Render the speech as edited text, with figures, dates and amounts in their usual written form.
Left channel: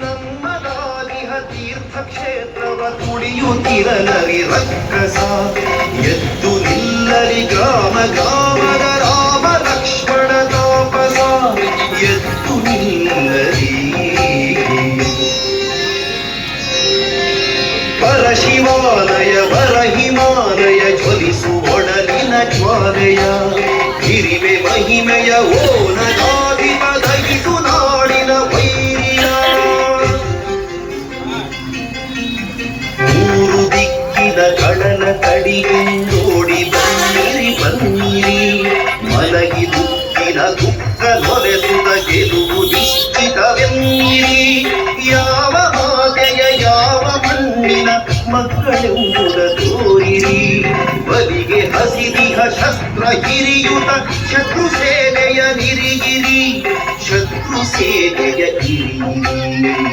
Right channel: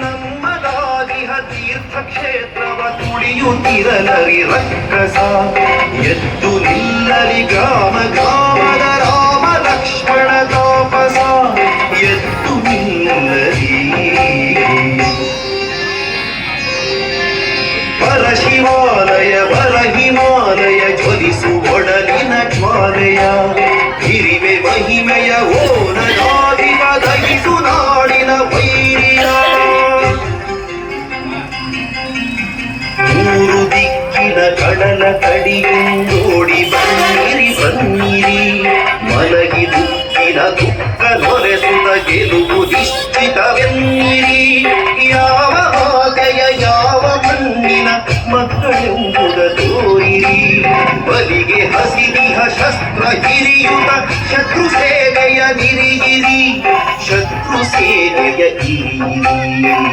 ನಮ್ಮದಾಗಿಹ ತೀರ್ಥಕ್ಷೇತ್ರವ ತುಳಿಯುತ್ತಿರಲರಿ ರಕ್ಕಸ ಎದ್ದು ನಿಲ್ಲರಿ ಗ್ರಾಮ ಗ್ರಾಮದ ರಾಮ ಲಕ್ಷ್ಮಣ ತಾಪಸ ಎದ್ದು ನಿಲ್ಲರಿ ಪರ ಶಿವಾಲಯ ಪರ ಹಿಮಾಲಯ ಜ್ವಲಿಸುವೊಡಲಿನ ಜ್ವಾಲೆಯ ಹಿರಿಮೆ ಮಹಿಮೆಯ ಓನಗಾದಿವ ದಹಿಸು ನಾಡಿನ ವೈರಿಯ ಮೂರು ದಿಕ್ಕಿನ ಕಡಲ ಕಡಿಗೆಂದೋಡಿ ಬನ್ನಿರಿ ಬನ್ನಿರಿ ಮಲಗಿ ದುಃಖಿನ ದುಃಖ ನೊರೆಸುತ್ತ ಗೆಲುವು ನಿಶ್ಚಿತವೆನ್ನಿರಿ ಯಾವ ಮಾತೆಯ ಯಾವ ಮಣ್ಣಿನ ಮಕ್ಕಳೆಂಬುದ ತೋರಿರಿ ಬಲಿಗೆ ಹಸಿದಿಹ ಶಸ್ತ್ರ ಹಿರಿಯುತ ಶತ್ರು ಸೇನೆಯ ನಿರಿಯಿರಿ ಶತ್ರು ಸೇನೆಯ ಹಿರಿಯಿರಿ